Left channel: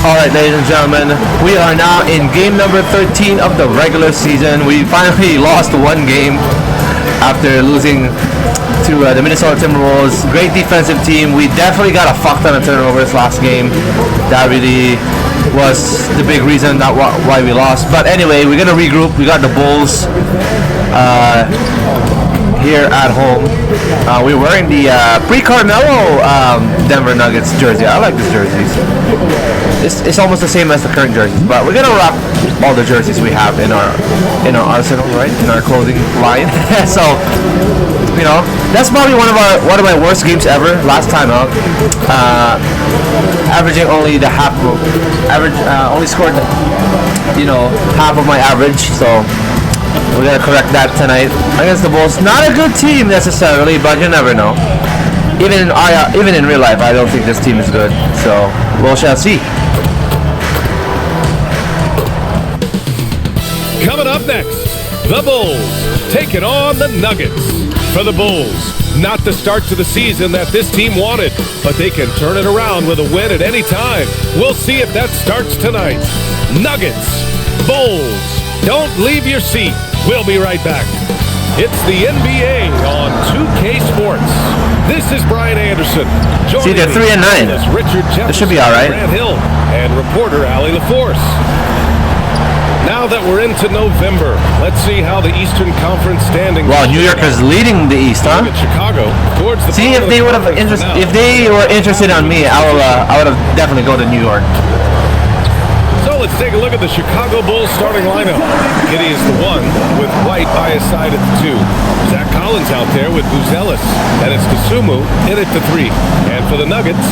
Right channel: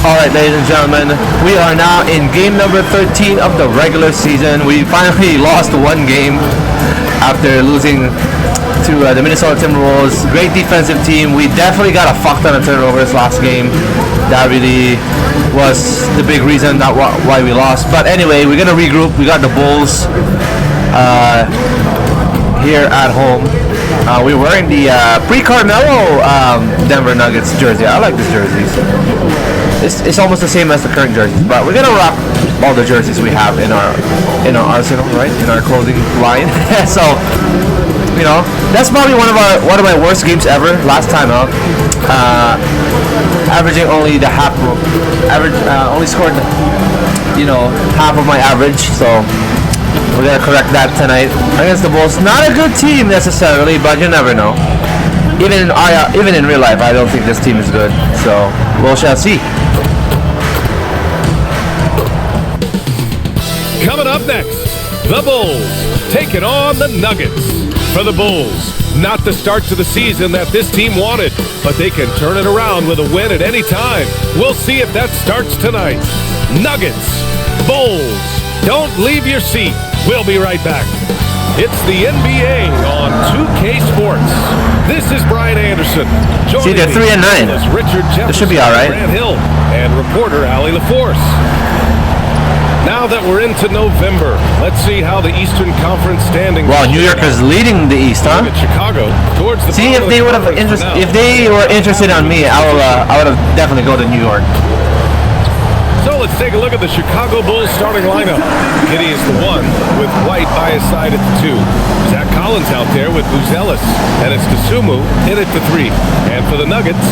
Alright, ladies and gentlemen, we are now in game number 13 of the regular season. We finally lost one game after losing to the Minnesota Timberwolves. Great defensive team. We definitely got a fuck ton of turnovers last game. That really was the big reason that why we lost. But anyway, we're gonna regroup. We got the Bulls here at home. We're wearing the pre-Carmelo Denver Nuggets jersey. I like this jerseys. It's almost the same as the current jerseys, but we're gonna rock all the jerseys we have in our arsenal, right? In our clothing line. So, you know, that's probably one of my worst games ever. Last time out, averaging only the half of average. Only scored, you know, half of my average. So we're gonna correct that tonight against the Bulls. Not a good team necessarily, but you never know. Even in real life, I don't think this team is good. So we shall see. Coming up next, the Bulls taking on the Nuggets. For the Bulls, not the start to the season that this team wanted, but they can turn it around with a win at any time. We'll see if that starts tonight. Nuggets, Bulls, don't leave your seat. We'll be right back. It's the NBA on 2K Sports. This is Brian Anderson. See, they're 3-9. Richard Jefferson, this should be all right. Grant Hill, and reporter Allie LaForce. Now that we're into November, let's see how the Eastern Conference standings. Wow, New York is leading the East, huh? At Chicago towards the See, if they would have if they were interested on me, I would have definitely go to New York. So let's take a look at the Chicago Bulls starting lineup. Giddey is the 1 with White by his side at the 2. Zach Collins out there with Buzelis, and it's Dosunmu in at the 3. And for the Nuggets,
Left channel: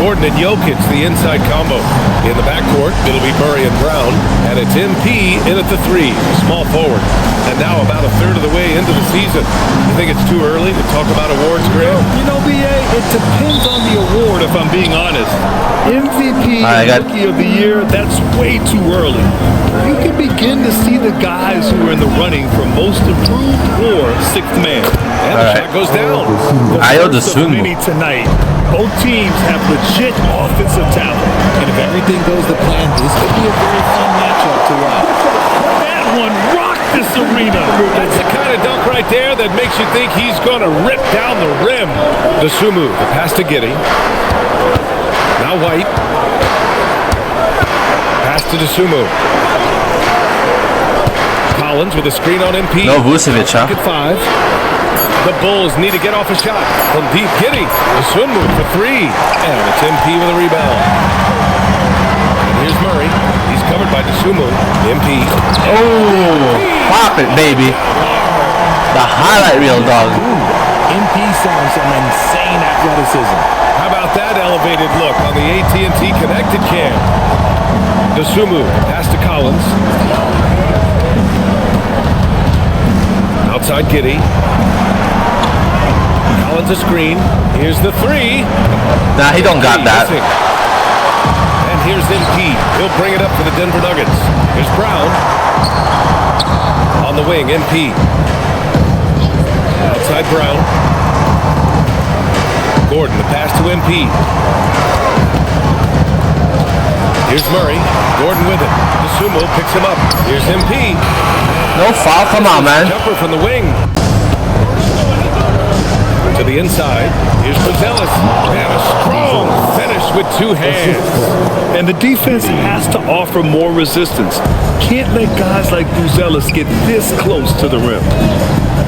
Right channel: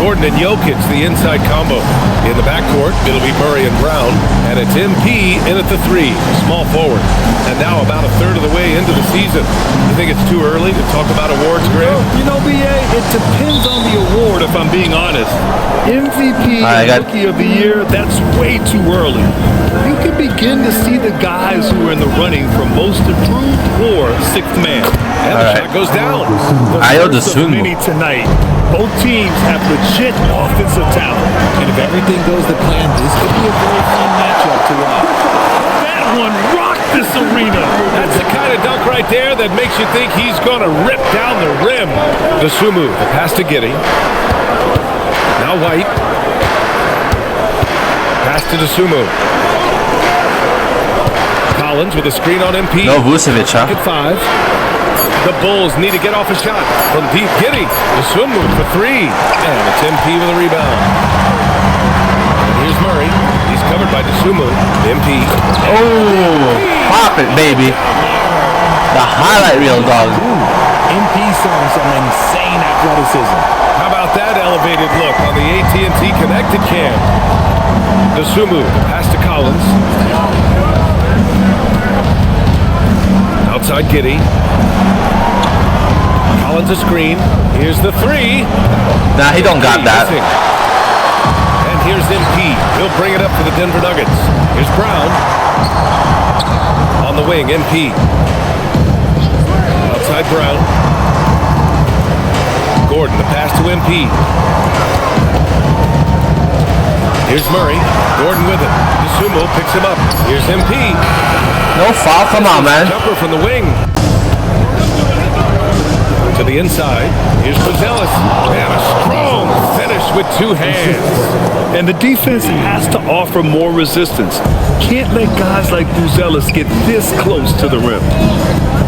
Gordon and Jokic, the inside combo. In the backcourt, it'll be Murray and Brown, and it's MP in at the 3, small forward. And now about a third of the way into the season. You think it's too early to talk about awards, Grant? You know, BA, it depends on the award, if I'm being honest. MVP, Rookie of the Year, that's way too early. You can begin to see the guys who are in the running for most improved or 6th man. And the shot goes down. The first of many tonight. Both teams have legit offensive talent. And if everything goes to plan, this could be a very fun matchup to watch. That one rocked this arena. That's the kind of dunk right there that makes you think he's going to rip down the rim. Dosunmu, the pass to Giddey. Now White. Pass to Dosunmu. Collins with a screen on MP. No Vucevic, huh? At 5. The Bulls need to get off a shot from deep. Giddey. Dosunmu for 3. And it's MP with a rebound. And here's Murray. He's covered by Dosunmu. MP. Oh, pop it, baby. The highlight reel, dog. MP showing some insane athleticism. How about that elevated look on the AT&T connected cam? Dosunmu, pass to Collins. Outside Giddey. Collins a screen. Here's the 3. Nah, he don't got that. Missing. And here's MP. He'll bring it up for the Denver Nuggets. Here's Brown. On the wing, MP. Outside Brown. Gordon, the pass to MP. Here's Murray. Gordon with it. Dosunmu picks him up. Here's MP. No foul. Come on, man. Jumper from the wing. To the inside. Here's Buzelis. And a strong finish with 2 hands. And the defense has to offer more resistance. Can't let guys like Buzelis get this close to the rim.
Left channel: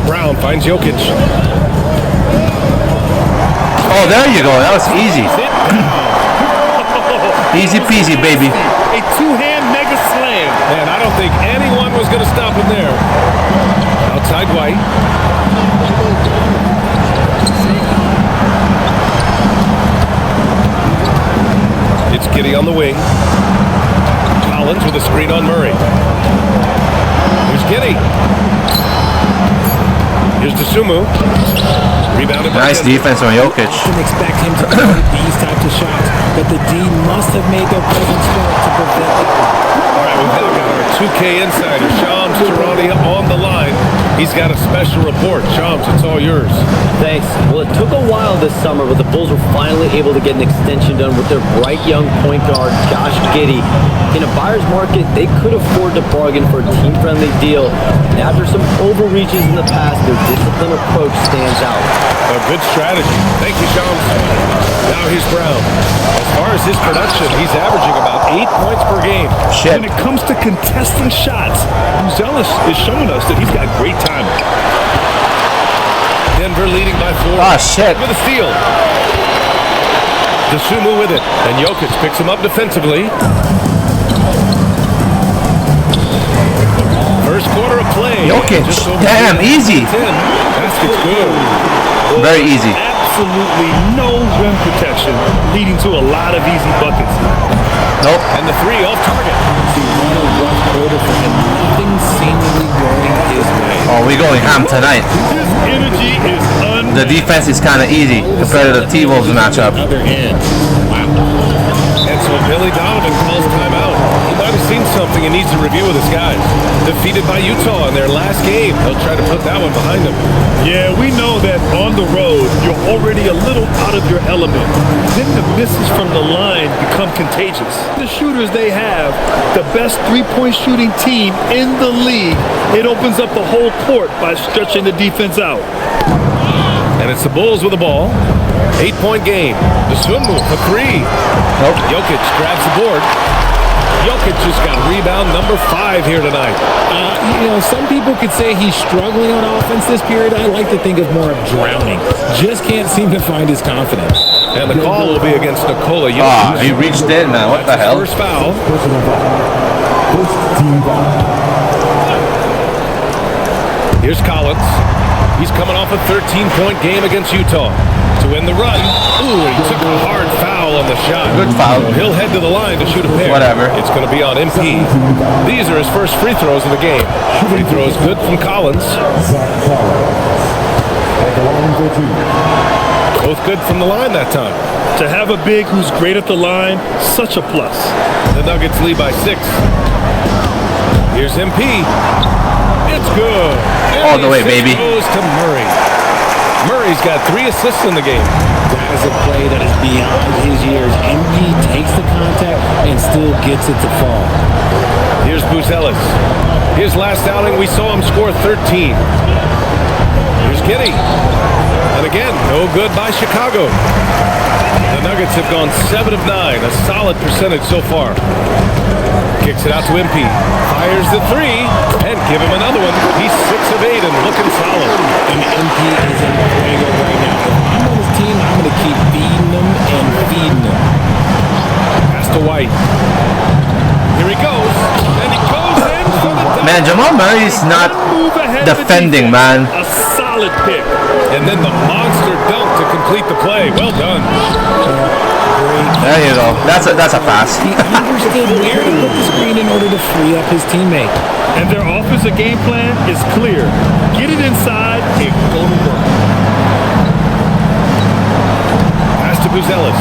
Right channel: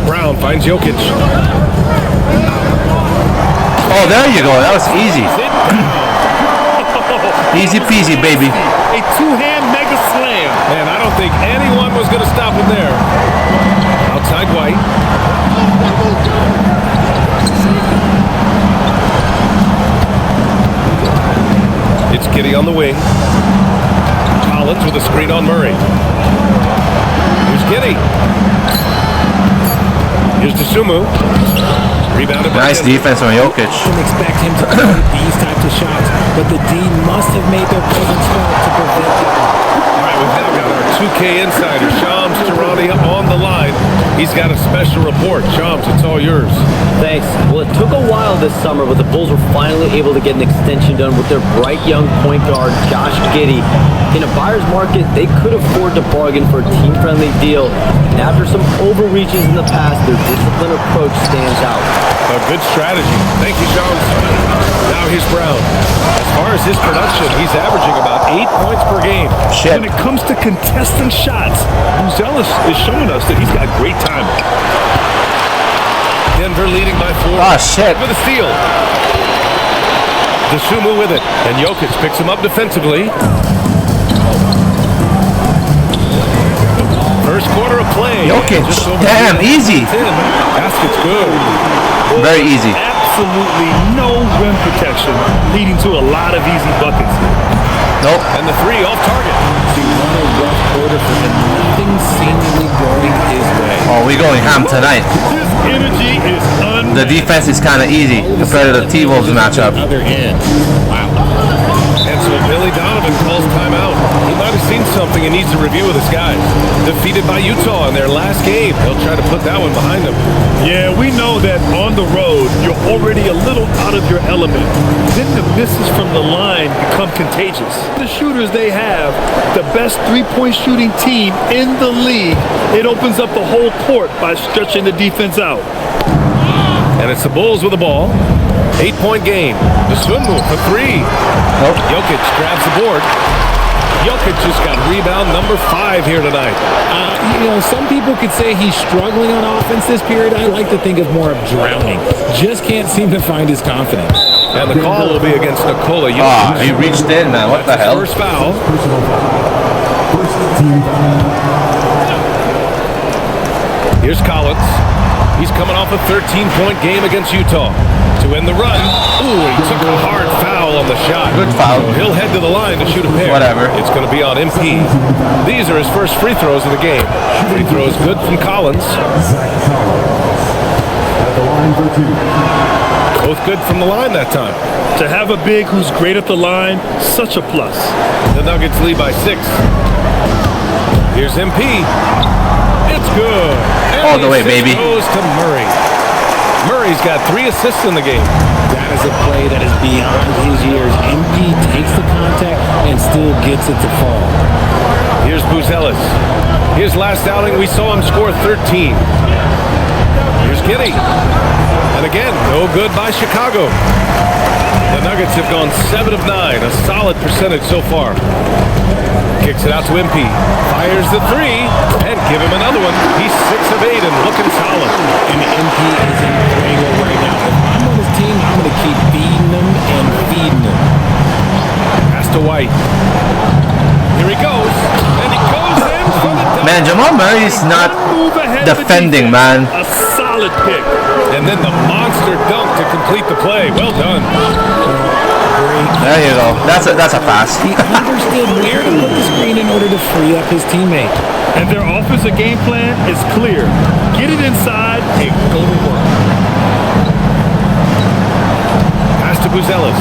Brown finds Jokic. Oh, there you go. That was easy. Easy peasy, baby. A 2-hand mega slam. Man, I don't think anyone was going to stop him there. Outside White. It's Giddey on the wing. Collins with a screen on Murray. Here's Giddey. Here's Dosunmu. Rebounded by nice defense on Jokic. Often expect him to create these types of shots, but the D must have made their presence felt to prevent that one. All right, we've now got our 2K insider, Shams Charania, on the line. He's got a special report. Shams, it's all yours. Thanks. Well, it took a while this summer, but the Bulls were finally able to get an extension done with their bright young point guard, Josh Giddey. In a buyer's market, they could afford to bargain for a team-friendly deal. And after some overreaches in the past, their disciplined approach stands out. A good strategy. Thank you, Shams. Now here's Brown. As far as his production, he's averaging about 8 points per game. Shit. When it comes to contesting shots, Buzelis is showing us that he's got great timing. Denver leading by 4. Ah, shit. With a steal. Dosunmu with it. And Jokic picks him up defensively. First quarter of play. Jokic, damn, easy. Basket's good. Very easy. Absolutely no rim protection, leading to a lot of easy buckets. Nope. And the 3 off target. See, what a rough quarter for him. Nothing seemingly going his way. Oh, we're going ham tonight. His energy is unmatched. The defense is kind of easy compared to the T-Wolves matchup. Other end. Wow. And so Billy Donovan calls timeout. He might have seen something and needs to review with his guys. Defeated by Utah in their last game. He'll try to put that one behind him. Yeah, we know that on the road, you're already a little out of your element. Then the misses from the line become contagious. The shooters they have, the best three-point shooting team in the league, it opens up the whole court by stretching the defense out. And it's the Bulls with the ball. 8-point game. Dosunmu for 3. Nope. Jokic grabs the board. Jokic just got rebound number 5 here tonight. Some people could say he's struggling on offense this period. I like to think of more of drowning. Just can't seem to find his confidence. And the call will be against Nikola Jokic. Ah, he reached in, man. What the That's his hell? first foul. Here's Collins. He's coming off a 13-point game against Utah. To end the run. Ooh, he took a hard foul on the shot. Good foul. So he'll head to the line to shoot a pair. Whatever. It's going to be on MP. These are his first free throws of the game. Free throws good from Collins. Both good from the line that time. To have a big who's great at the line, such a plus. The Nuggets lead by 6. Here's MP. It's good. And All the way, the assist baby. Goes to Murray. Murray's got 3 assists in the game. That is a play that is beyond his years. MP takes the contact and still gets it to fall. Here's Buzelis. His last outing, we saw him score 13. Here's Giddey. And again, no good by Chicago. The Nuggets have gone 7 of 9, a solid percentage so far. Kicks it out to MP. Fires the 3, and give him another one. He's 6 of 8 and looking solid. And MP is in fuego right now. If I'm on his team, I'm going to keep feeding him and feeding him. Pass to White. Here he goes, and he goes in for the dunk. Man, Jamal Murray's not Move ahead of the defending, defense. man. A solid pick. And then the monster dunk to complete the play. Well done. Great. There you go. That's a pass. He understood where to put the screen in order to free up his teammate. And their offensive game plan is clear. Get it inside and go to work. Pass to Buzelis.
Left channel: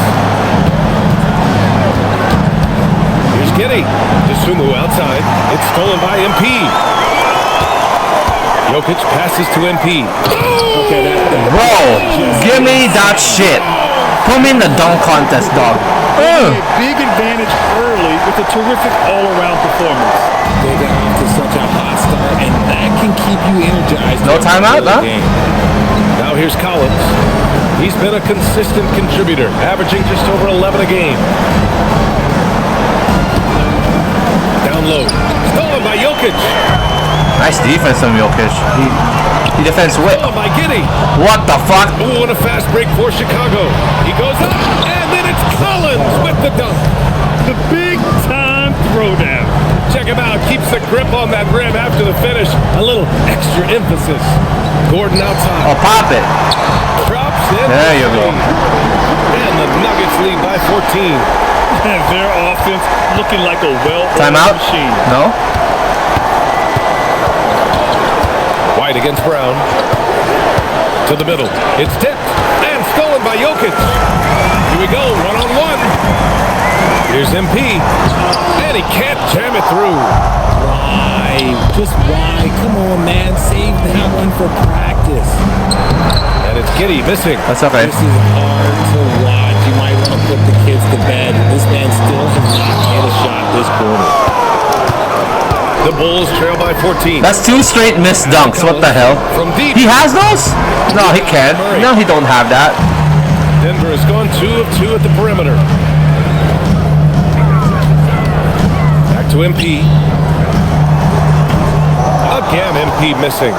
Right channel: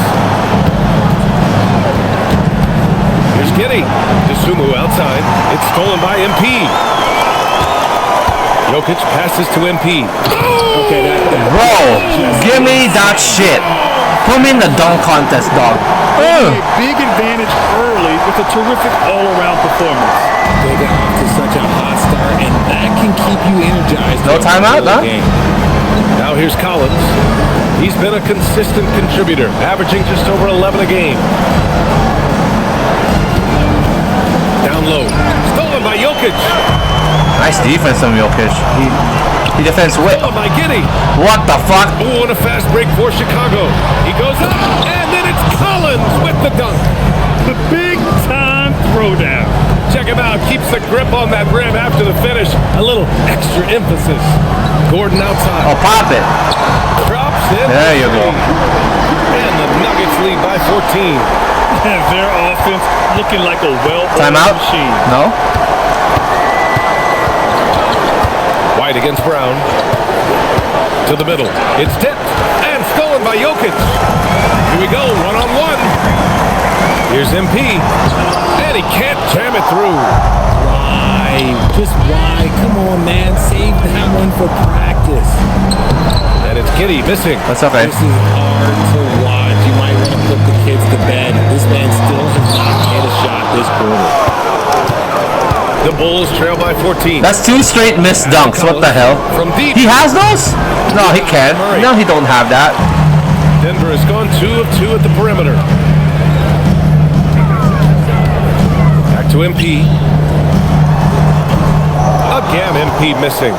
Here's Giddey. Dosunmu outside. It's stolen by MP. Jokic passes to MP. Okay, that Bro, give me that shit. Put me in the dunk contest, dog. A big advantage early with a terrific all-around performance. they got off to such a hot start, and that can keep you energized. No timeout, huh? Game. Now here's Collins. He's been a consistent contributor, averaging just over 11 a game. Down low. Stolen by Jokic. Nice defense from Jokic. He defends with. Stolen by Giddey. What the fuck? Oh, and a fast break for Chicago. He goes up, and then it's Collins with the dunk. The big-time throwdown. Check him out. Keeps the grip on that rim after the finish. A little extra emphasis. Gordon outside. Oh, pop it. Drops in. There you go. And the Nuggets lead by 14. And their offense looking like a well-oiled Timeout? machine. No? White against Brown. To the middle. It's tipped and stolen by Jokic. Here we go. One-on-one. Here's MP. And he can't jam it through. Why? Just why? Come on, man. Save that one for practice. And it's Giddy missing. That's okay. This is hard to watch. You might want to put the kids to bed. This man still has not hit a shot this quarter. The Bulls trail by 14. That's 2 straight missed dunks. What the hell? From deep. He has those? No, he can't. No, he don't have that. Denver has gone 2 of 2 at the perimeter. Back to MP. Again, MP missing.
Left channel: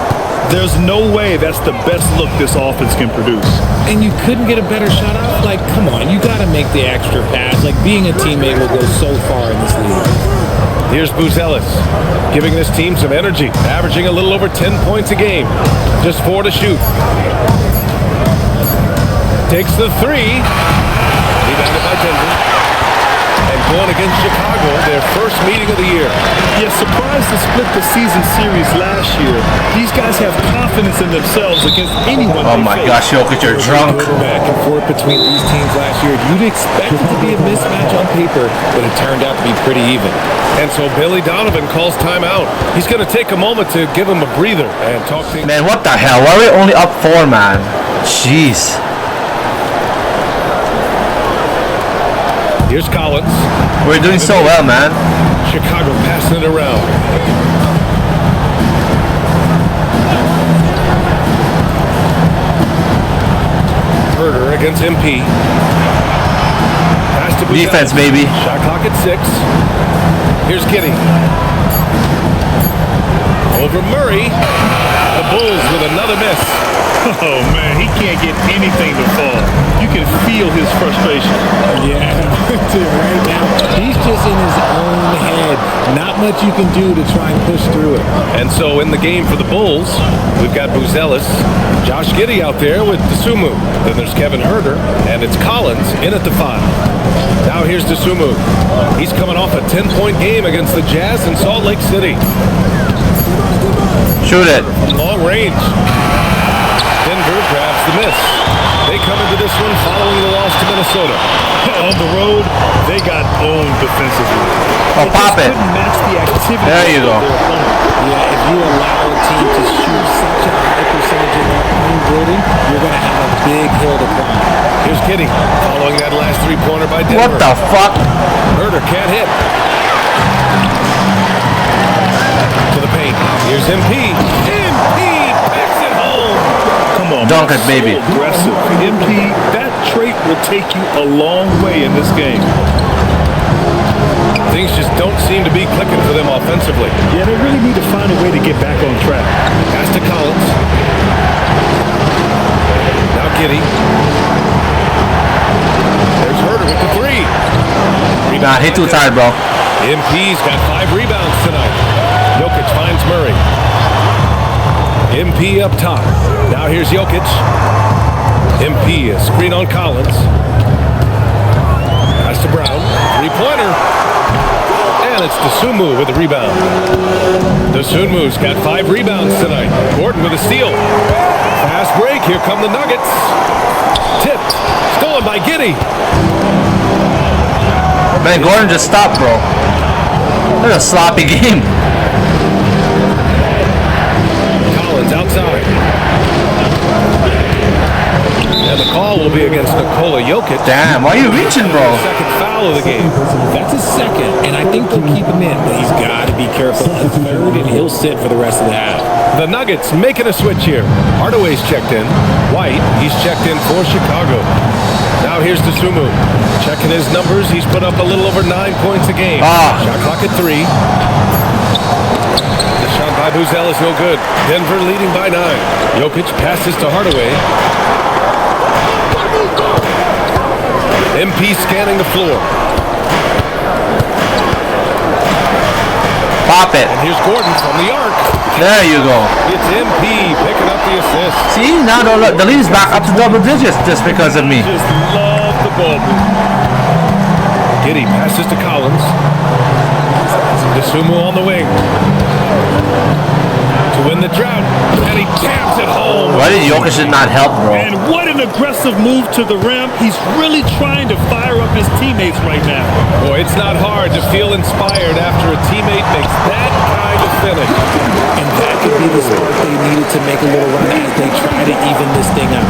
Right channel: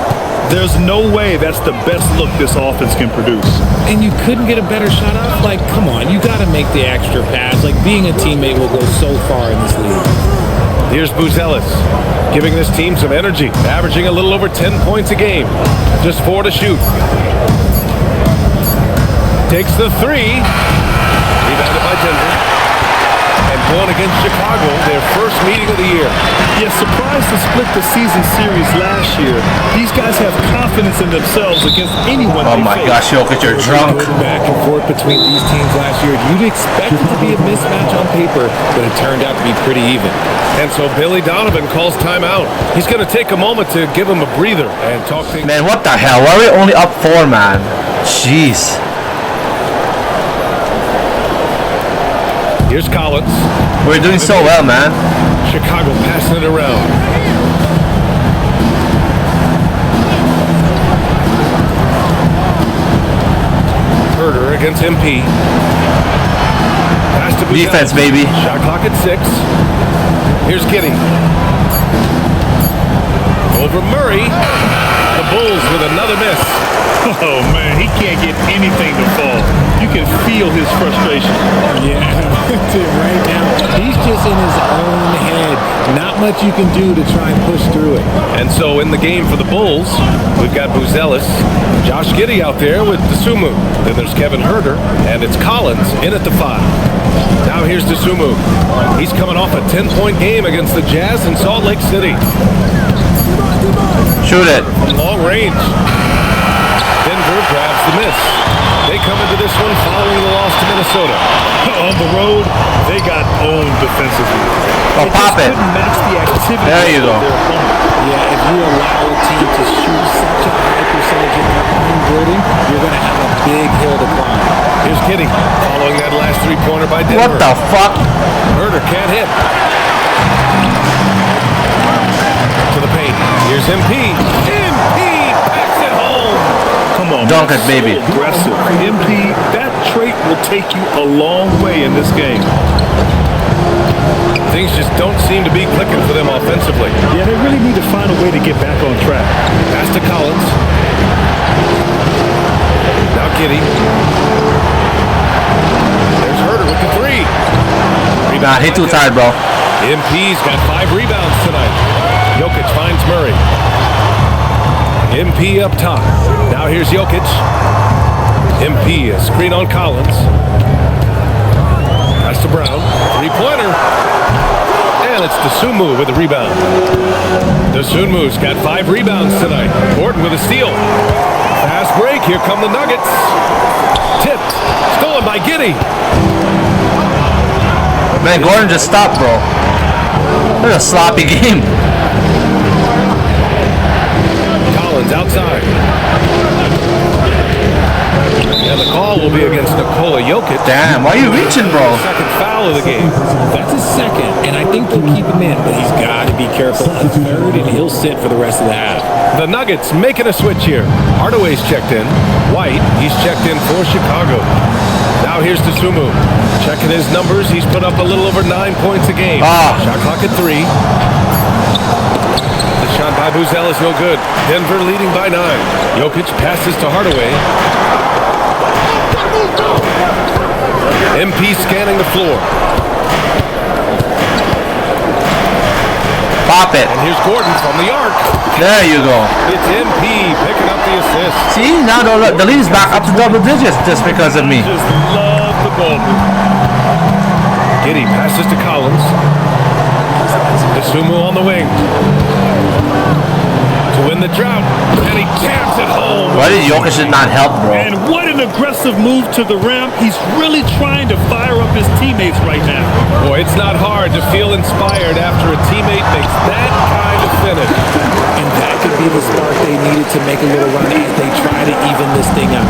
There's no way that's the best look this offense can produce. And you couldn't get a better shot off? Like, come on. You got to make the extra pass. Like, being a teammate will go so far in this league. Here's Buzelis, giving this team some energy, averaging a little over 10 points a game. Just 4 to shoot. Takes the 3. Rebounded by Denver. And going against Chicago, their first meeting of the year. Yeah, surprised to split the season series last year. These guys have confidence in themselves against anyone Oh they my face. gosh, Jokic, you're drunk. Back and forth between these teams last year. You'd expect it to be a mismatch on paper, but it turned out to be pretty even. And so Billy Donovan calls timeout. He's going to take a moment to give him a breather and talk things. Man, what the hell? Why are we only up 4, man? Jeez. Here's Collins. We're doing so well, man. Chicago passing it around. Herder against MP. Pass to Buzelis. Defense, baby. Shot clock at 6. Here's Giddy. Over Murray. The Bulls with another miss. Oh, man, he can't get anything to fall. You can feel his frustration. Yeah, dude, right now, he's just in his own head. Not much you can do to try and push through it. And so in the game for the Bulls, we've got Buzelis, Josh Giddey out there with Dosunmu. Then there's Kevin Herder, and it's Collins in at the 5. Now here's Dosunmu. He's coming off a 10-point game against the Jazz in Salt Lake City. Shoot it. From long range. Denver grabs the miss. They come into this one following the loss to Minnesota. On the road, they got owned defensively. Oh, pop it. Couldn't match the activity There you of go. their opponent. Yeah, if you allow a team to shoot such a high percentage in their own building, you're going to have a big hill to climb. Here's Giddey following that last three-pointer by Denver. What the fuck? Herder can't hit. To the paint. Here's MP. MP packs it home. Come on, Dunk man. it, baby. So aggressive. MP, that trait will take you a long way in this game. Things just don't seem to be clicking for them offensively. Yeah, they really need to find a way to get back on track. Pass to Collins. Now Giddey. There's Herder with the 3. Nah, he too tired, bro. MP's got 5 rebounds tonight. Jokic finds Murray. MP up top. Now here's Jokic. MP, a screen on Collins. Pass to Brown. 3-pointer. And it's Dosunmu with the rebound. Dosunmu's got 5 rebounds tonight. Gordon with a steal. Fast break. Here come the Nuggets. Tipped. Stolen by Giddey. Man, Gordon just stopped, bro. That's a sloppy game. Collins outside. And the call will be against Nikola Jokic. Damn, why are you reaching, bro? Second foul of the game. That's his second, and I think they'll keep him in, but he's got to be careful. A third, and he'll sit for the rest of the half. The Nuggets making a switch here. Hardaway's checked in. White, he's checked in for Chicago. Now here's Dosunmu. Checking his numbers. He's put up a little over 9 points a game. Shot clock at 3. The shot by Buzelis no good. Denver leading by 9. Jokic passes to Hardaway. MP scanning the floor. Pop it. And here's Gordon from the arc. There you go. It's MP picking up the assist. See, now the lead is back up to double digits just because of me. I just love the ball movement. Giddey passes to Collins. Dosunmu on the wing. To to win the drought, and he jams it home. Why did Jokic not help, bro? And what an aggressive move to the rim. He's really trying to fire up his teammates right now. Boy, it's not hard to feel inspired after a teammate makes that kind of finish. And that could be the spark they needed to make a little run as they try to even this thing up.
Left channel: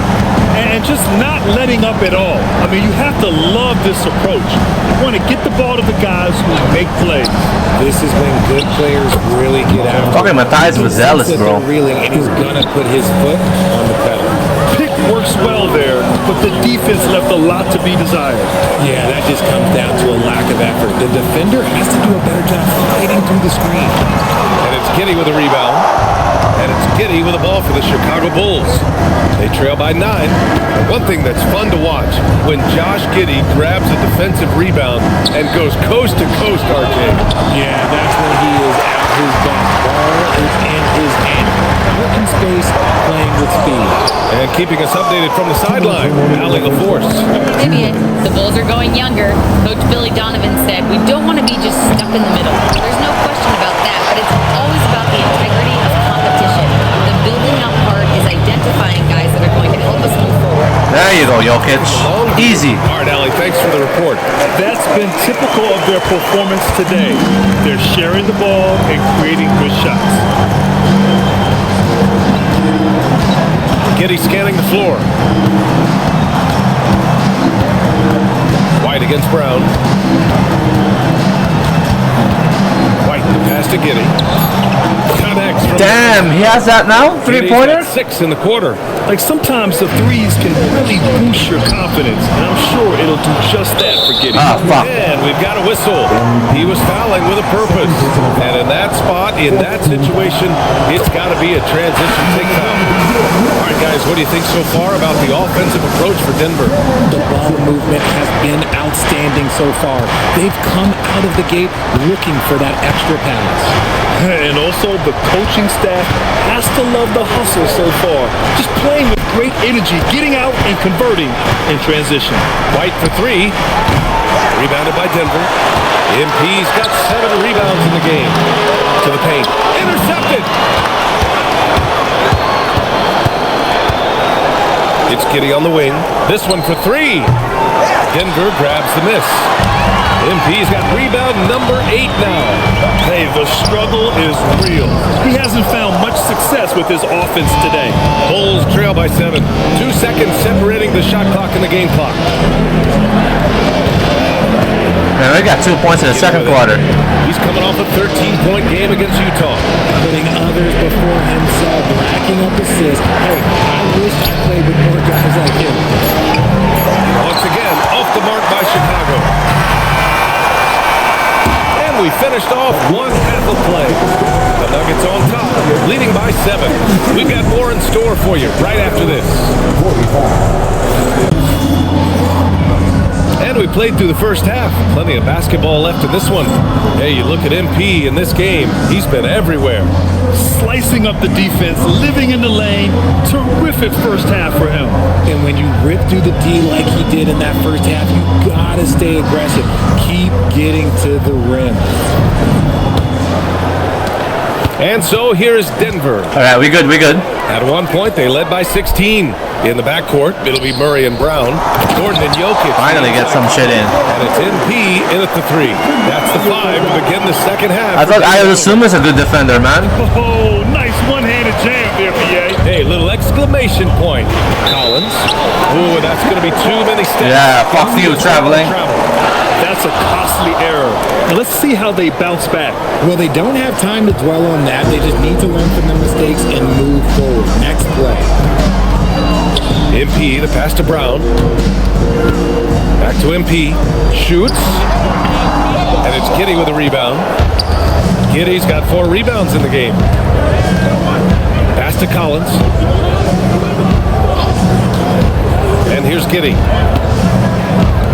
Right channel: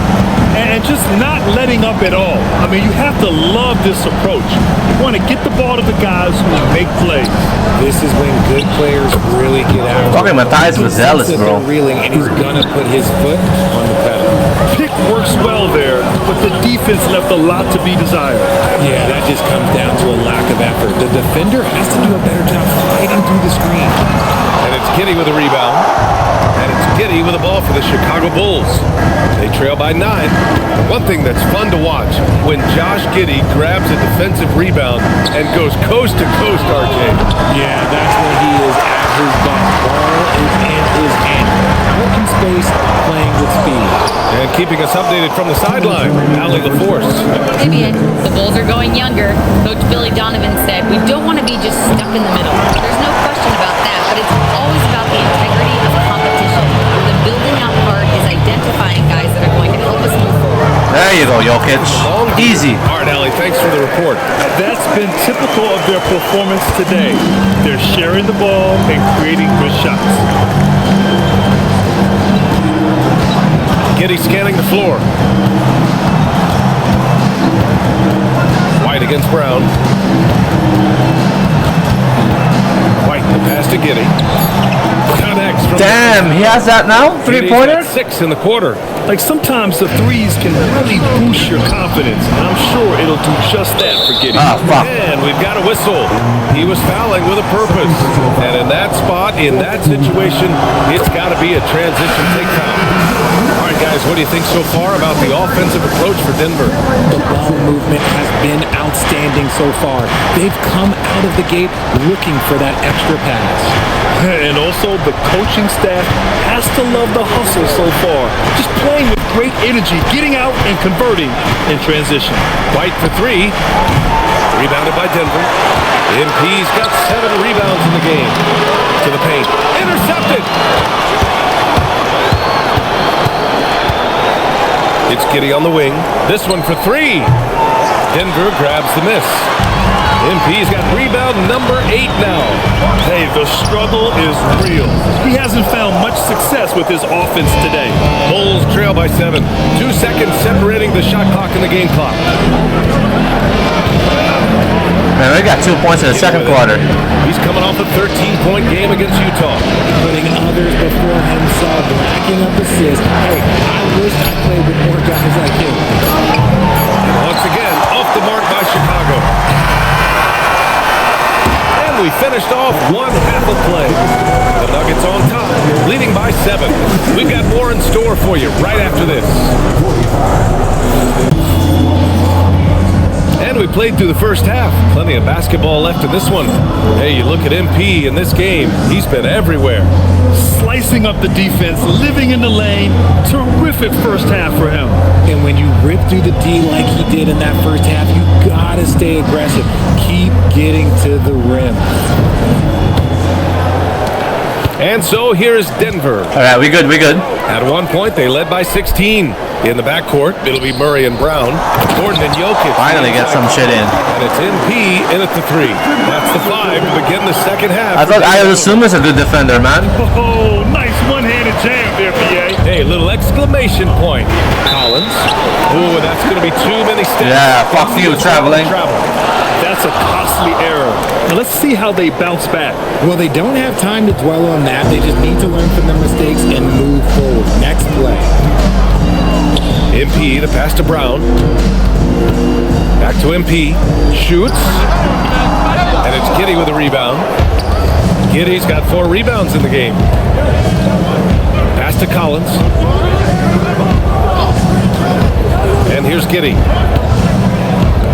And just not letting up at all. I mean, you have to love this approach. You want to get the ball to the guys who make plays. This is when good players really get after. Talking Matthias was zealous, bro. Reeling, and he's gonna put his foot on the pedal. Pick works well there, but the defense left a lot to be desired. Yeah, that just comes down to a lack of effort. The defender has to do a better job fighting through the screen. And it's Giddey with a rebound. And it's Giddey with a ball for the Chicago Bulls. They trail by 9. And one thing that's fun to watch, when Josh Giddey grabs a defensive rebound and goes coast to coast, RJ. Yeah, that's when he is at his best. Ball is in his hand. Out in space, playing with speed. And keeping us updated from the sideline, Allie LaForce. Hey, BA. The Bulls are going younger. Coach Billy Donovan said, we don't want to be just stuck in the middle. There's no question about that, but it's always about the integrity of competition. The building out part is identifying guys that are going to help us move forward. There you go, Jokic. Easy. All right, Allie, thanks for the report. That's been typical of their performance today. They're sharing the ball and creating good shots. Giddey scanning the floor. White against Brown. White, the pass to Giddey. Connects from Damn, he has that now? Three-pointer? 6 in the quarter. Like sometimes the threes can really boost your confidence, and I'm sure it'll do just that for Giddey. Ah, fuck. And we've got a whistle. He was fouling with a purpose. And in that spot, in that situation, it's got to be a transition take foul. All right, guys, what do you think so far about the offensive approach for Denver? The ball movement has been outstanding so far. They've come out of the gate looking for that extra pass. And also, the coaching staff has to love the hustle so far. Just playing with great energy, getting out and converting in transition. White for 3. Rebounded by Denver. MP's got 7 rebounds in the game. To the paint. Intercepted. It's Giddey on the wing. This one for 3. Denver grabs the miss. MP's got rebound number 8 now. Hey, the struggle is real. He hasn't found much success with his offense today. Bulls trail by 7. 2 seconds separating the shot clock and the game clock. Man, they got 2 points in the second quarter. He's coming off a 13-point game against Utah. Putting others before himself, racking up assists. Hey, I wish I played with more guys like him. And once again, off the mark by Chicago. And we finished off one half of play. The Nuggets on top, leading by 7. We've got more in store for you right after this. And we played through the first half. Plenty of basketball left in this one. Hey, you look at MP in this game. He's been everywhere. Slicing up the defense, living in the lane. Terrific first half for him. And when you rip through the D like he did in that first half, you gotta stay aggressive. Keep getting to the rim. And so here's Denver. All right, we good. At one point, they led by 16. In the backcourt, it'll be Murray and Brown. Gordon and Jokic. Finally get some shit in. And it's MP in at the 3. That's the 5 to begin the second half. I thought I assume is a good defender, man. Oh, nice one-handed jam there, PA. Hey, little exclamation point. Collins. Oh, that's going to be too many steps. Yeah, fuck you, traveling. That's a costly error. Now let's see how they bounce back. Well, they don't have time to dwell on that. They just need to learn from their mistakes and move forward. Next play. MP, the pass to Brown. Back to MP. Shoots. And it's Giddey with a rebound. Giddey's got 4 rebounds in the game. Pass to Collins. And here's Giddey.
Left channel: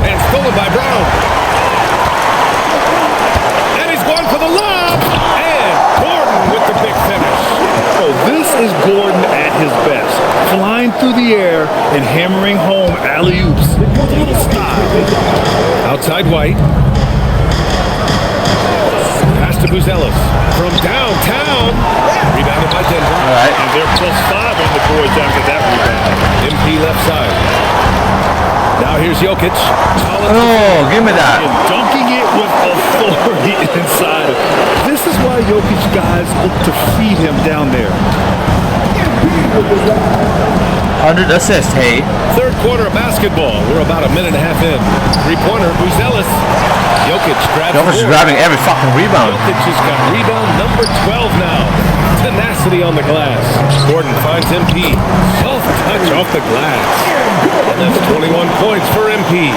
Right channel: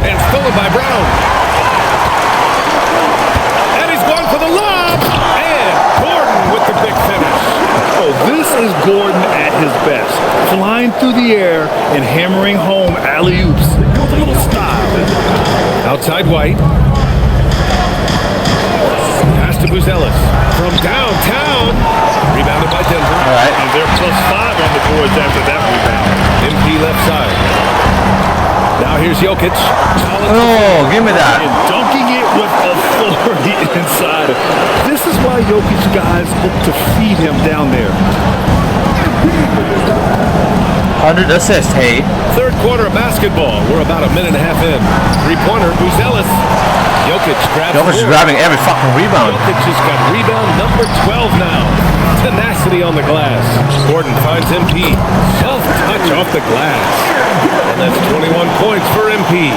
And stolen by Brown. And he's going for the lob. And Gordon with the big finish. Oh, this is Gordon at his best. Flying through the air and hammering home alley-oops with a little style. Outside White. Pass to Buzelis. From downtown. Rebounded by Denver. All right. And they're +5 on the boards after that rebound. MP left side. Now here's Jokic. Collins. Oh, give me that. And dunking it with authority inside. This is why Jokic guys look to feed him down there. 100 assists, hey. Third quarter of basketball. We're about a minute and a half in. Three-pointer, Buzelis. Jokic grabs Jokic is grabbing every fucking rebound. Jokic has got rebound number 12 now. Tenacity on the glass. Gordon finds MP. Soft touch off the glass. And that's 21 points for MP.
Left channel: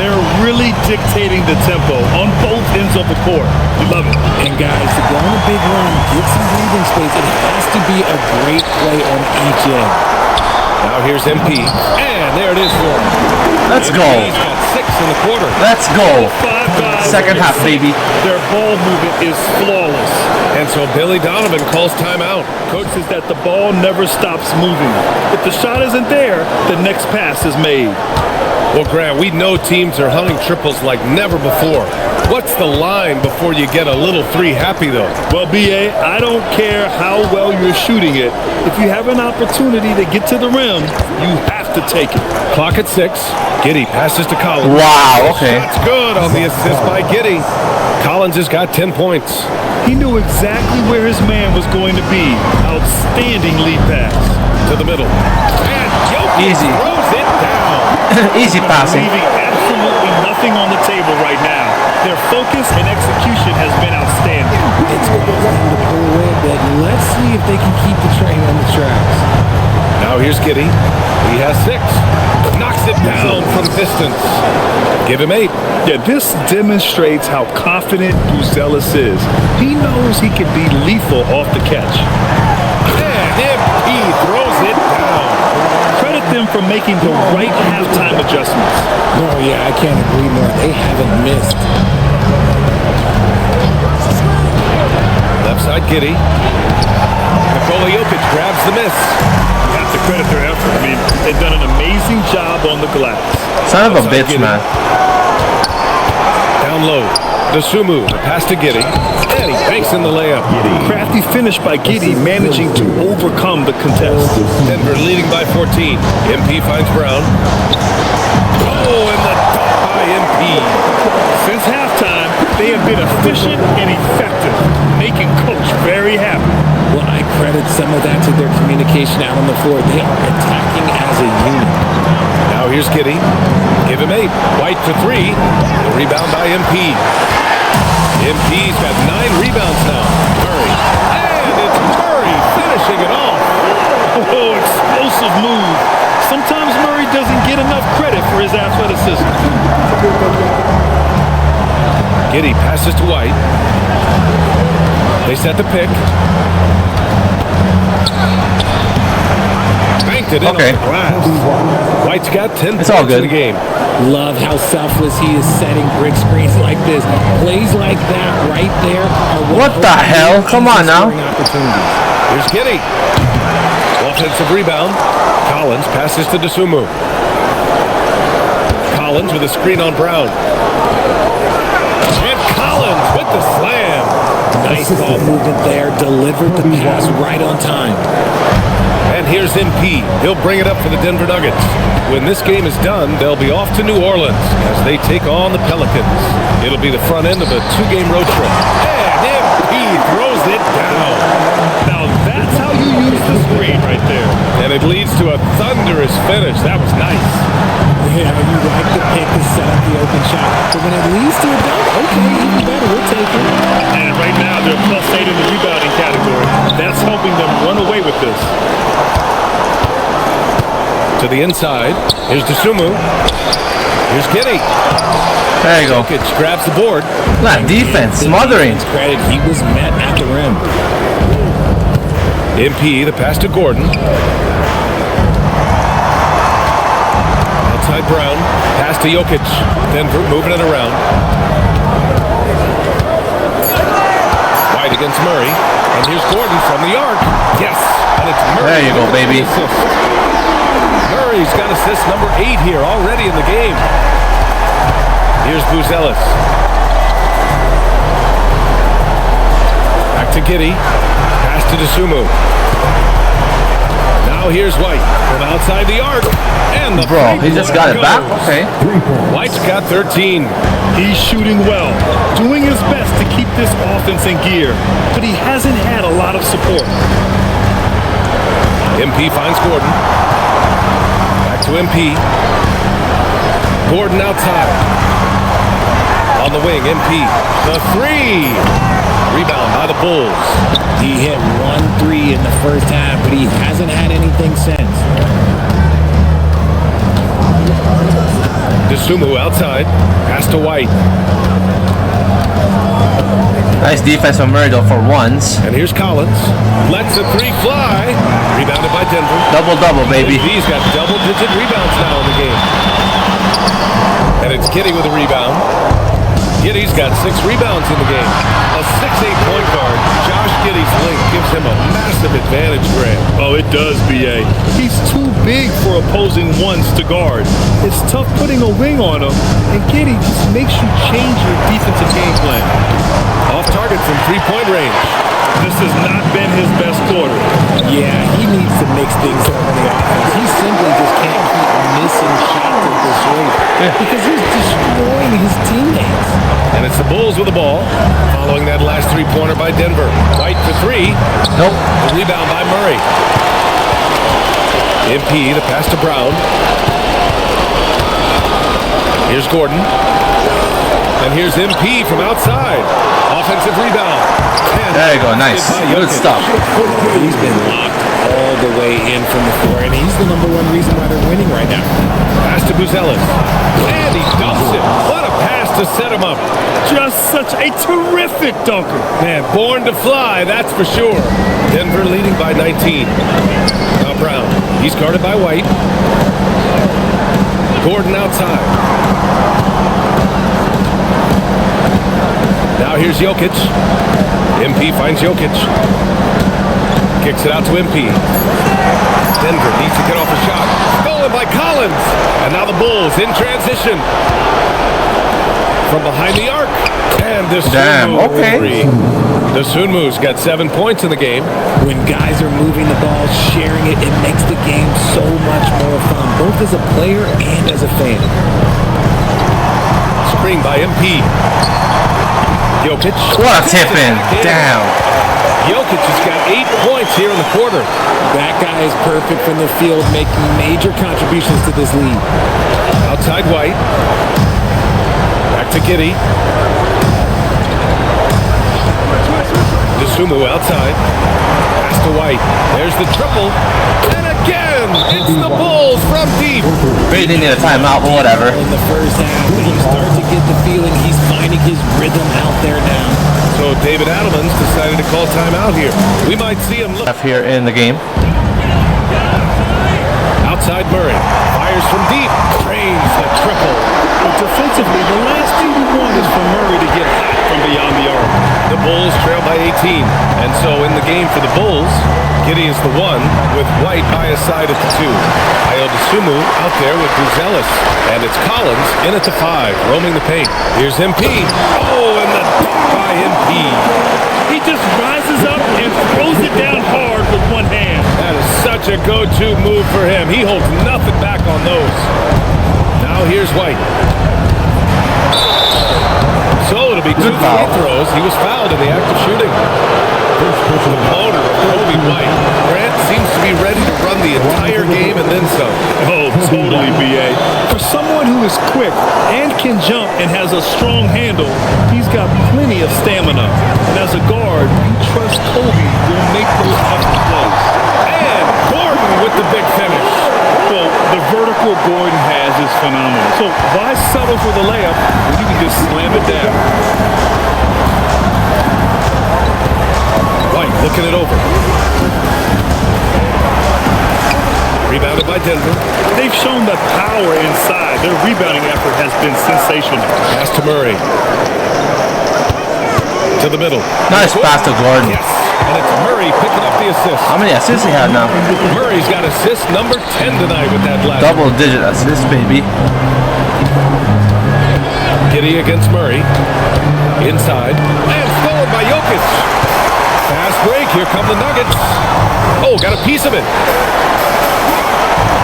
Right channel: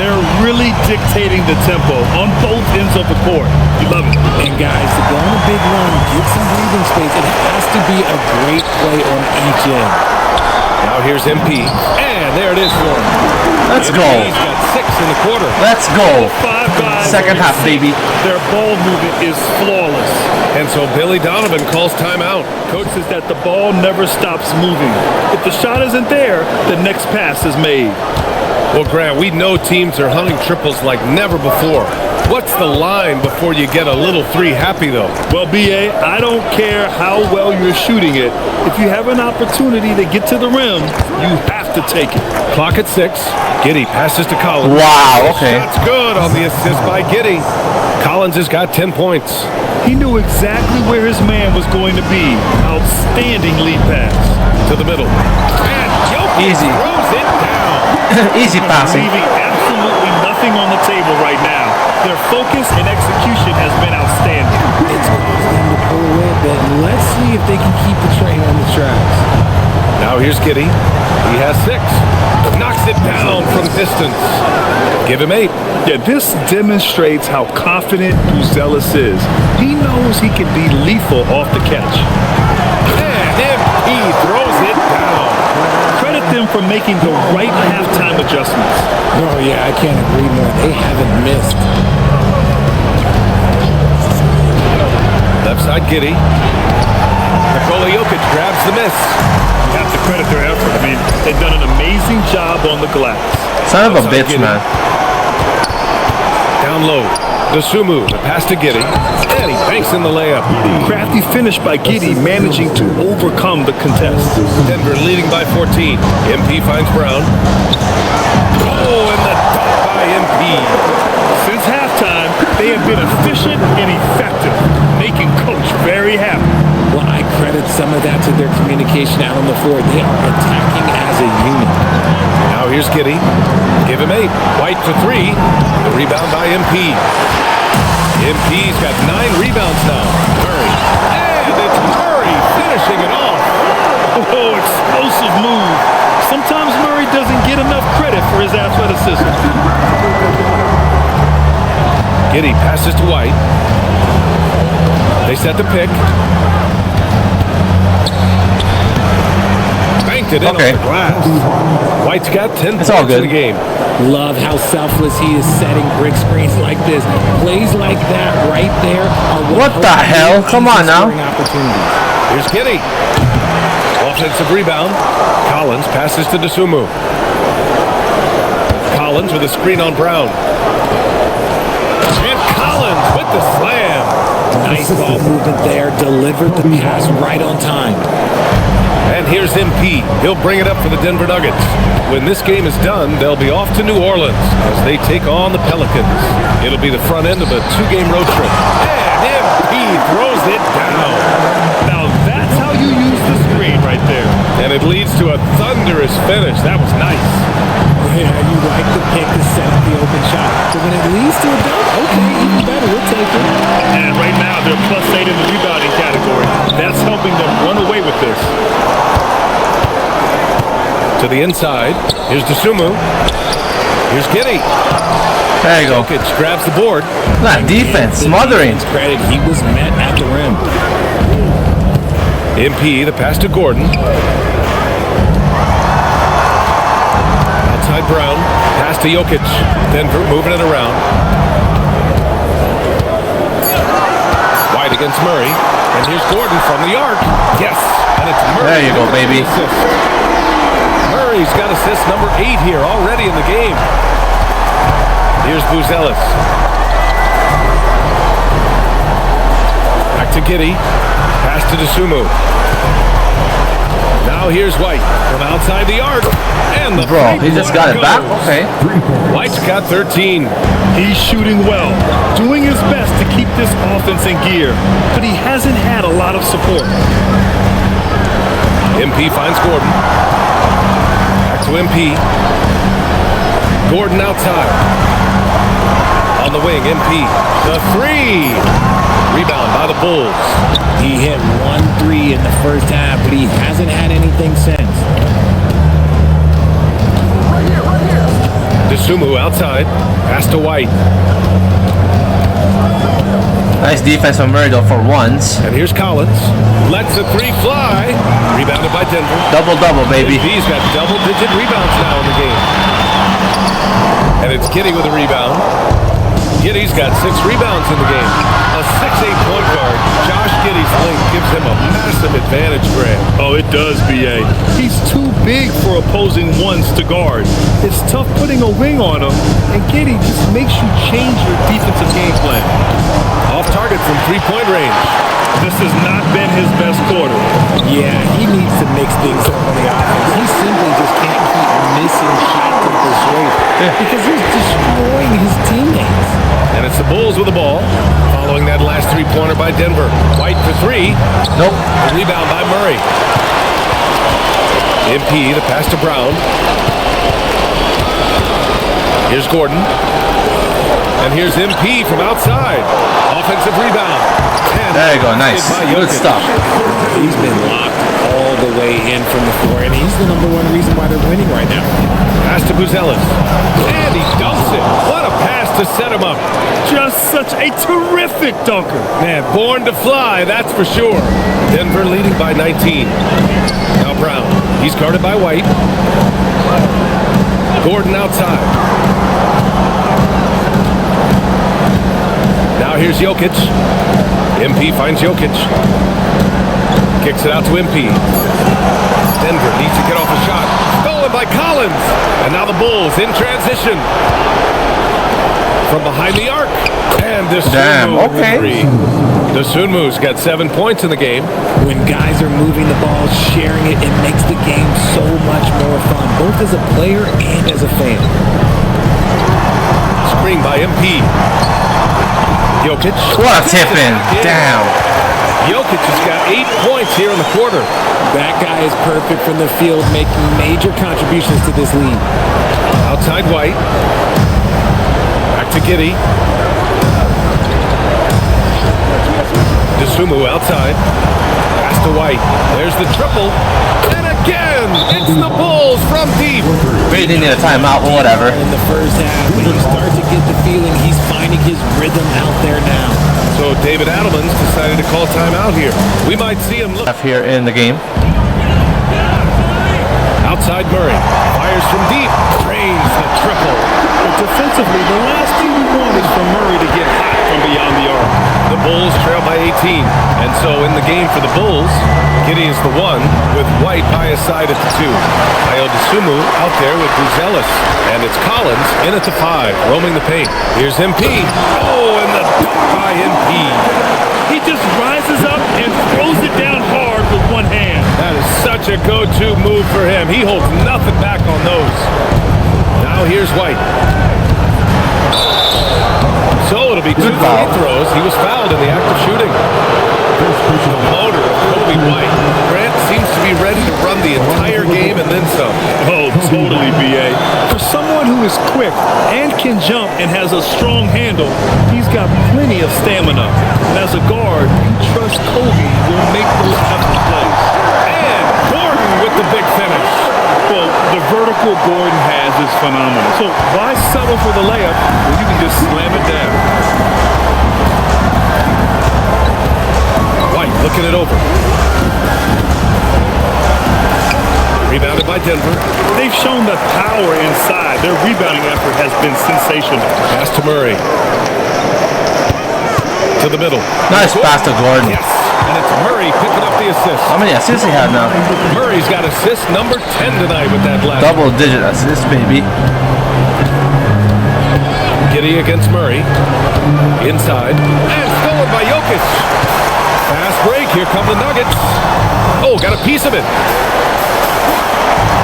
They're really dictating the tempo on both ends of the court. You love it. And guys, to go on a big run, get some breathing space, it has to be a great play on each end. Now here's MP. And there it is for him. Let's go. He's got 6 in the quarter. Let's go. 5 guys. Second half, baby. Their ball movement is flawless. And so Billy Donovan calls timeout. Coach says that the ball never stops moving. If the shot isn't there, the next pass is made. Well, Grant, we know teams are hunting triples like never before. What's the line before you get a little three happy, though? Well, B.A., I don't care how well you're shooting it. If you have an opportunity to get to the rim, you have to take it. Clock at 6. Giddey passes to Collins. Wow, okay. Shot's good on the assist by Giddey. Collins has got 10 points. He knew exactly where his man was going to be. Outstanding lead pass. To the middle. And Jokic Easy. throws it down. Easy passing. Leaving absolutely nothing on the table right now. Their focus and execution has been outstanding. It's caused them to pull away a bit. Let's see if they can keep the train on the tracks. Now here's Giddey. He has 6. Knocks it down from distance. Give him 8. Yeah, this demonstrates how confident Buzelis is. He knows he can be lethal off the catch. And MP throws it down. Credit them for making the right halftime adjustments. Oh, yeah, I can't agree more. They haven't missed. Left side, Giddey. Nikola Jokic grabs the miss. You have to credit their effort. I mean, they've done an amazing job on the glass. Son of a Outside bitch, Giddey. man. Down low. Dosunmu, the pass to Giddey. And he banks in the layup. Crafty finish by Giddey, managing to overcome the contest. Denver leading by 14. MP finds Brown. Oh, and the dunk by MP. Since halftime, they have been efficient and effective, making Coach very happy. Well, I credit some of that to their communication out on the floor. They are attacking as a unit. Now here's Giddey. Give him 8. White for 3. The rebound by MP. MP's got 9 rebounds now. Murray. And it's Murray finishing it off. Oh, explosive move. Sometimes Murray doesn't get enough credit for his athleticism. Giddey passes to White. They set the pick. Banked it in off the glass. White's got 10 It's all points in good. the game. Love how selfless he is setting brick screens like this. Plays like that right there are What the hell? Come on now. scoring opportunities. Here's Giddey. Offensive rebound. Collins passes to Dosunmu. Collins with a screen on Brown. And Collins with the slam. Nice ball movement there. Delivered the pass right on time. And here's MP. He'll bring it up for the Denver Nuggets. When this game is done, they'll be off to New Orleans as they take on the Pelicans. It'll be the front end of a 2-game road trip. And MP throws it down. Now that's how you use the screen right there. And it leads to a thunderous finish. That was nice. Yeah, you like the pick to set up the open shot. But when it leads to a dunk, okay, even better. We'll take it. And right now they're +8 in the rebounding category. That's helping them run away with this. To the inside. Here's Dosunmu. Here's Giddey. There you go. Jokic grabs the board. That defense, smothering. Credit, he was met at the rim. MP, the pass to Gordon. Outside Brown. Pass to Jokic. Denver moving it around. White against Murray. And here's Gordon from the arc. Yes. And it's Murray. There you go, baby. Assist. Murray's got assist number 8 here already in the game. Here's Buzelis. Back to Giddey. Pass to Dosunmu. Now here's White from outside the arc. And the Bro, he just got it back? goes. Okay. White's got 13. He's shooting well, doing his best to keep this offense in gear, but he hasn't had a lot of support. MP finds Gordon. Back to MP. Gordon outside. On the wing, MP. The three. Rebound by the Bulls. He hit 1 3 in the first half, but he hasn't had anything since. Dosunmu outside. Pass to White. Nice defense from Murray though for once. And here's Collins. Lets the three fly. Rebounded by Denver. Double-double, baby. He's got double-digit rebounds now in the game. And it's Giddey with a rebound. Giddey's got 6 rebounds in the game. A 6'8" point guard. Josh Giddey's length gives him a massive advantage, Grant. Oh, it does, B.A. He's too big for opposing ones to guard. It's tough putting a wing on him, and Giddey just makes you change your defensive game plan. Off target from three-point range. This has not been his best quarter. Yeah, he needs to mix things up on the offense. He simply just can't keep missing shots at this rate because he's destroying his teammates. And it's the Bulls with the ball. Following that last three-pointer by Denver. White for 3. Nope. The rebound by Murray. MP, the pass to Brown. Here's Gordon. And here's MP from outside. Offensive rebound. And There you go. Nice. Good stuff. He's been locked all the way in from the floor, and he's the #1 reason why they're winning right now. Pass to Buzelis. And he dumps it. What a pass to set him up. Just such a terrific dunker. Man, born to fly, that's for sure. Denver leading by 19. Now Brown. He's guarded by White. Gordon outside. Now here's Jokic. MP finds Jokic. Kicks it out to MP. Denver needs to get off a shot. Stolen by Collins. And now the Bulls in transition. From behind the arc. And Dosunmu. Damn, okay. Three. Dosunmu's got 7 points in the game. When guys are moving the ball, sharing it, it makes the game so much more fun, both as a player and as a fan. Screen by MP. Jokic. What a tip in. Damn. Jokic has got 8 points here in the quarter. That guy is perfect from the field, making major contributions to this lead. Outside White. Back to Giddey. Dosunmu outside. Pass to White. There's the triple. And again, it's the Bulls from deep. Really didn't need a timeout, but whatever. In the first half, but you start to get the feeling he's finding his rhythm out there now. So David Adelman's decided to call timeout here. We might see him look. Here in the game. Outside Murray. Fires from deep. Drains the triple. But defensively, the last thing you want is for Murray to get hot from beyond the arc. The Bulls trail by 18. And so in the game for the Bulls, Giddey is the 1 with White by his side at the 2. Dosunmu out there with Buzelis. And it's Collins in at the 5, roaming the paint. Here's MP. Oh, and the dunk by MP. He just rises up and throws it down hard with one hand. That is such a go-to move for him. He holds nothing back on those. Now here's White. So it'll be 2 free throws. He was fouled in the act of shooting. The motor of Kobe White. Grant seems to be ready to run the entire game and then some. Oh, totally, B.A. For someone who is quick and can jump and has a strong handle, he's got plenty of stamina. And as a guard, you trust Kobe will make those effort plays. And Gordon with the big finish. Well, the vertical Gordon has is phenomenal. So why settle for the layup when you can just slam it down? White looking it over. Rebounded by Denver. They've shown that power inside. Their rebounding effort has been sensational. Pass to Murray. To the middle. Nice pass to Gordon. Yes, and it's Murray picking up the assist. How many assists he had now? Murray's got assist number 10 tonight with that last. Double-digit assists, baby. Giddey against Murray. Inside. And stolen by Jokic. Fast break. Here come the Nuggets. Oh, got a piece of it.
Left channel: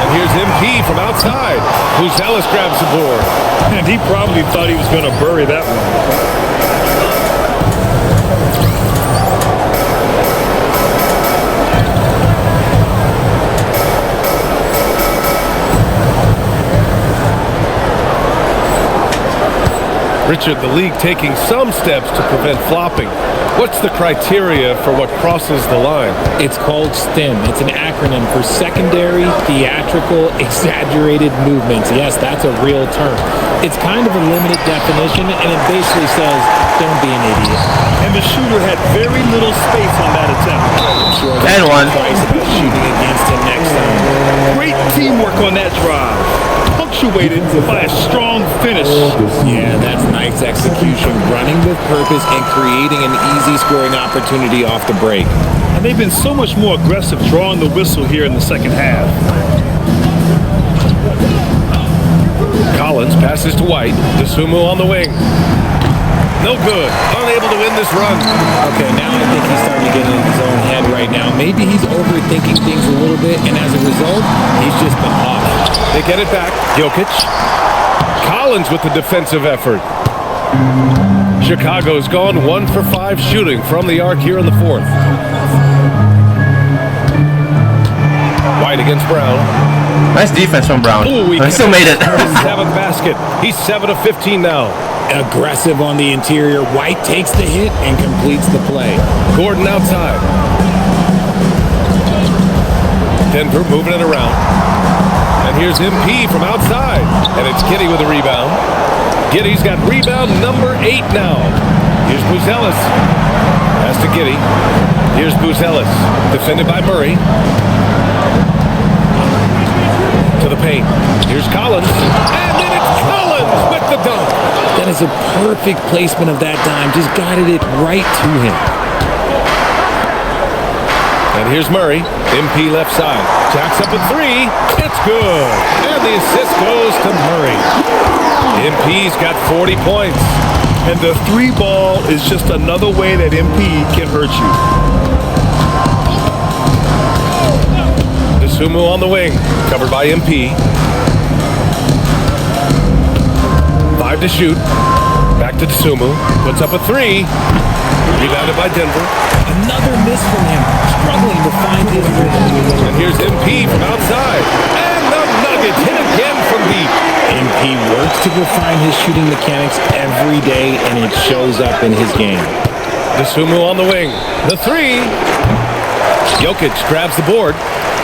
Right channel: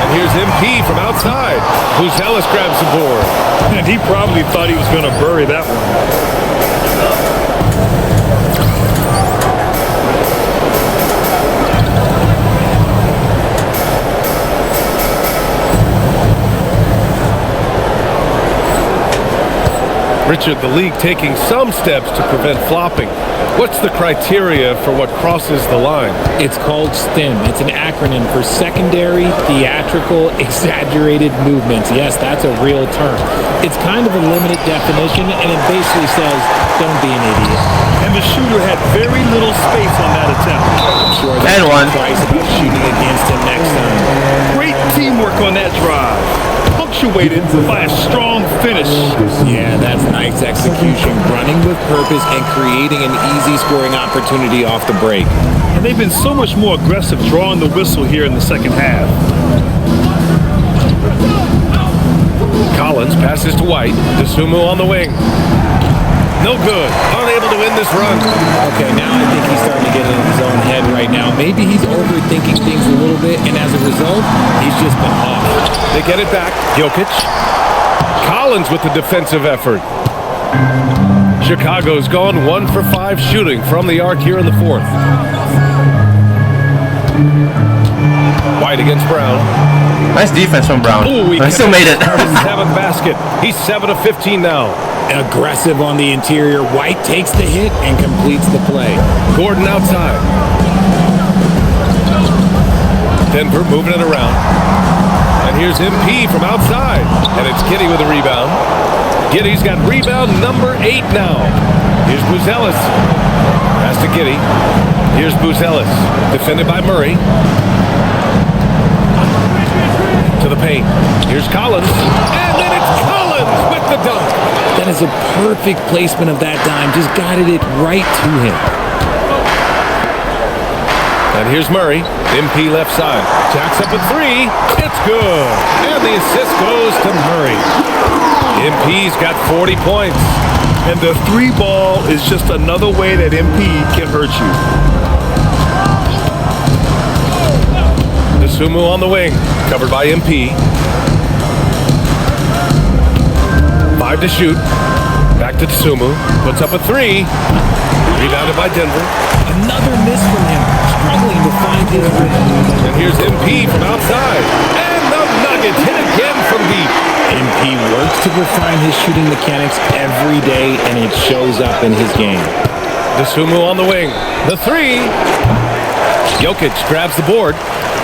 And here's MP from outside. Buzelis grabs the board. And he probably thought he was going to bury that one. Richard, the league taking some steps to prevent flopping. What's the criteria for what crosses the line? It's called STEM. It's an acronym for Secondary Theatrical Exaggerated Movements. Yes, that's a real term. It's kind of a limited definition, and it basically says, don't be an idiot. And the shooter had very little space on that attempt. I'm sure they'll think twice about shooting against him next time. Great teamwork on that drive. Punctuated by a strong finish. Yeah, that's nice execution, running with purpose and creating an easy scoring opportunity off the break. And they've been so much more aggressive drawing the whistle here in the second half. Collins passes to White. DeSumo on the wing. No good. Unable to win this run. Okay, now I think he's starting to get in his own head right now. Maybe he's overthinking things a little bit, and as a result, he's just been off. They get it back. Jokic. Collins with the defensive effort. Chicago's gone 1 for 5 shooting from the arc here in the fourth. White against Brown. Nice defense from Brown. Ooh, he still made it. His 7th basket. He's 7 of 15 now. Aggressive on the interior. White takes the hit and completes the play. Gordon outside. Denver moving it around. And here's MP from outside. And it's Giddey with a rebound. Giddey's got rebound number 8 now. Here's Buzelis. Pass to Giddey. Here's Buzelis. Defended by Murray. To the paint. Here's Collins. And then it's Collins with the dunk. That is a perfect placement of that dime. Just guided it right to him. And here's Murray. MP left side. Jacks up a 3. It's good. And the assist goes to Murray. MP's got 40 points. And the 3 ball is just another way that MP can hurt you. DeSumo on the wing. Covered by MP. 5 to shoot. Back to DeSumo. Puts up a 3. Rebounded by Denver. Another miss from him. Struggling to find his rhythm. And here's MP from outside. And the Nuggets hit again from deep. MP works to refine his shooting mechanics every day, and it shows up in his game. DeSumo on the wing. The 3. Jokic grabs the board.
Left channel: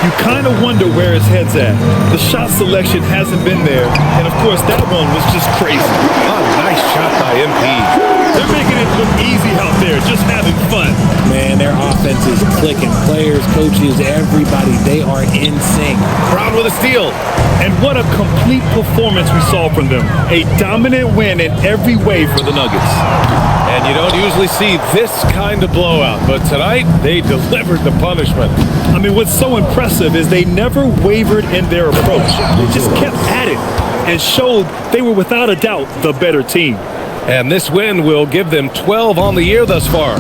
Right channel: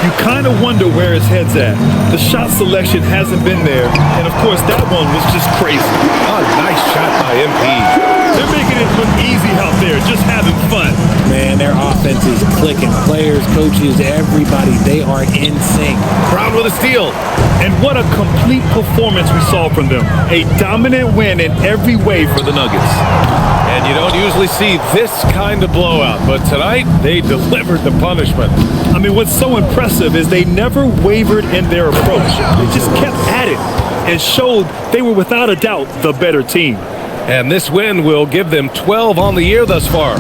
You kind of wonder where his head's at. The shot selection hasn't been there. And, of course, that one was just crazy. A nice shot by MP. They're making it look easy out there, just having fun. Man, their offense is clicking. Players, coaches, everybody, they are in sync. Brown with a steal. And what a complete performance we saw from them. A dominant win in every way for the Nuggets. And you don't usually see this kind of blowout, but tonight they delivered the punishment. I mean, what's so impressive is they never wavered in their approach. They just kept at it and showed they were without a doubt the better team. And this win will give them 12 on the year thus far.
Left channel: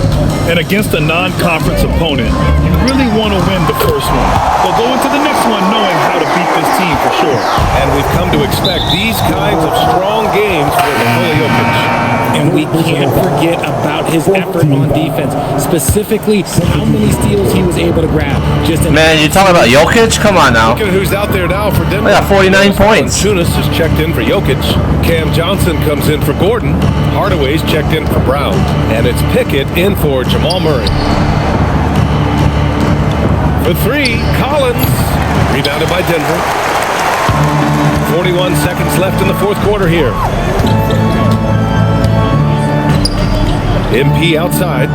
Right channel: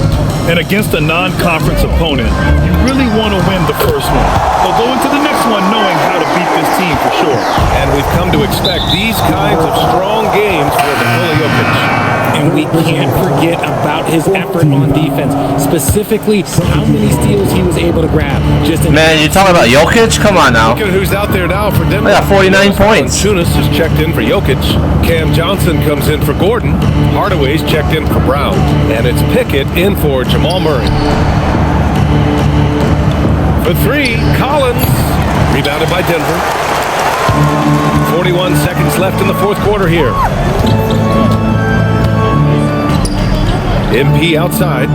And against a non-conference opponent, you really want to win the first one. They'll go into the next one knowing how to beat this team for sure. And we've come to expect these kinds of strong games for Nikola Jokic. And we can't forget about his effort on defense, specifically how many steals he was able to grab. Man, you're talking about Jokic? Come on now. Look at who's out there now for Denver. I got 49 points. Tunis is checked in for Jokic. Cam Johnson comes in for Gordon. Hardaway's checked in for Brown. And it's Pickett in for Jamal Murray. For 3, Collins. Rebounded by Denver. 41 seconds left in the fourth quarter here. MP outside.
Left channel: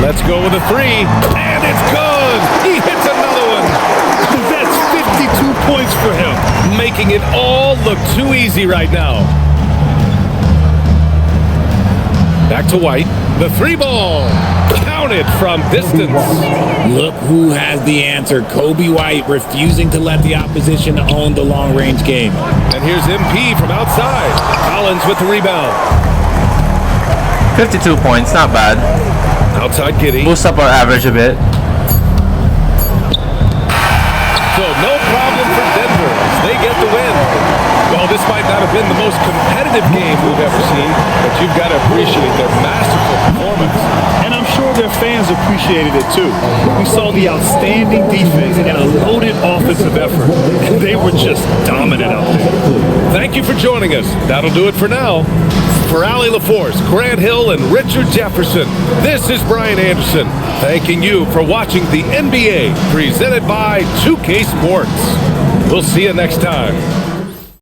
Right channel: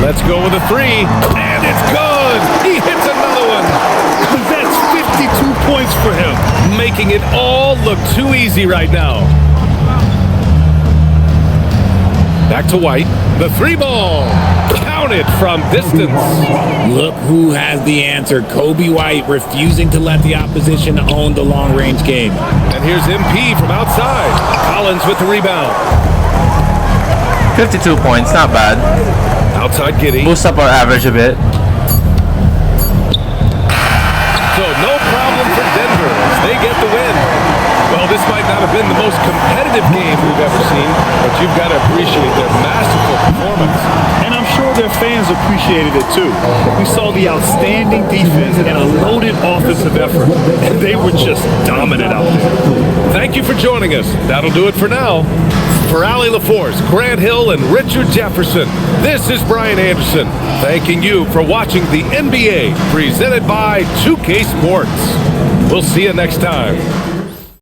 Let's go with a 3. And it's good. He hits another one. That's 52 points for him. Making it all look too easy right now. Back to White. The 3 ball. Counted from distance. Look who has the answer. Kobe White refusing to let the opposition own the long-range game. And here's MP from outside. Collins with the rebound. 52 points, not bad. Outside Giddy. Boost up our average a bit. So no problem for Denver as they get the win. Well, this might not have been the most competitive game we've ever seen, but you've got to appreciate their masterful performance. And I'm sure their fans appreciated it too. We saw the outstanding defense and a loaded offensive effort. And they were just dominant out there. Thank you for joining us. That'll do it for now. For Allie LaForce, Grant Hill, and Richard Jefferson, this is Brian Anderson, thanking you for watching the NBA presented by 2K Sports. We'll see you next time.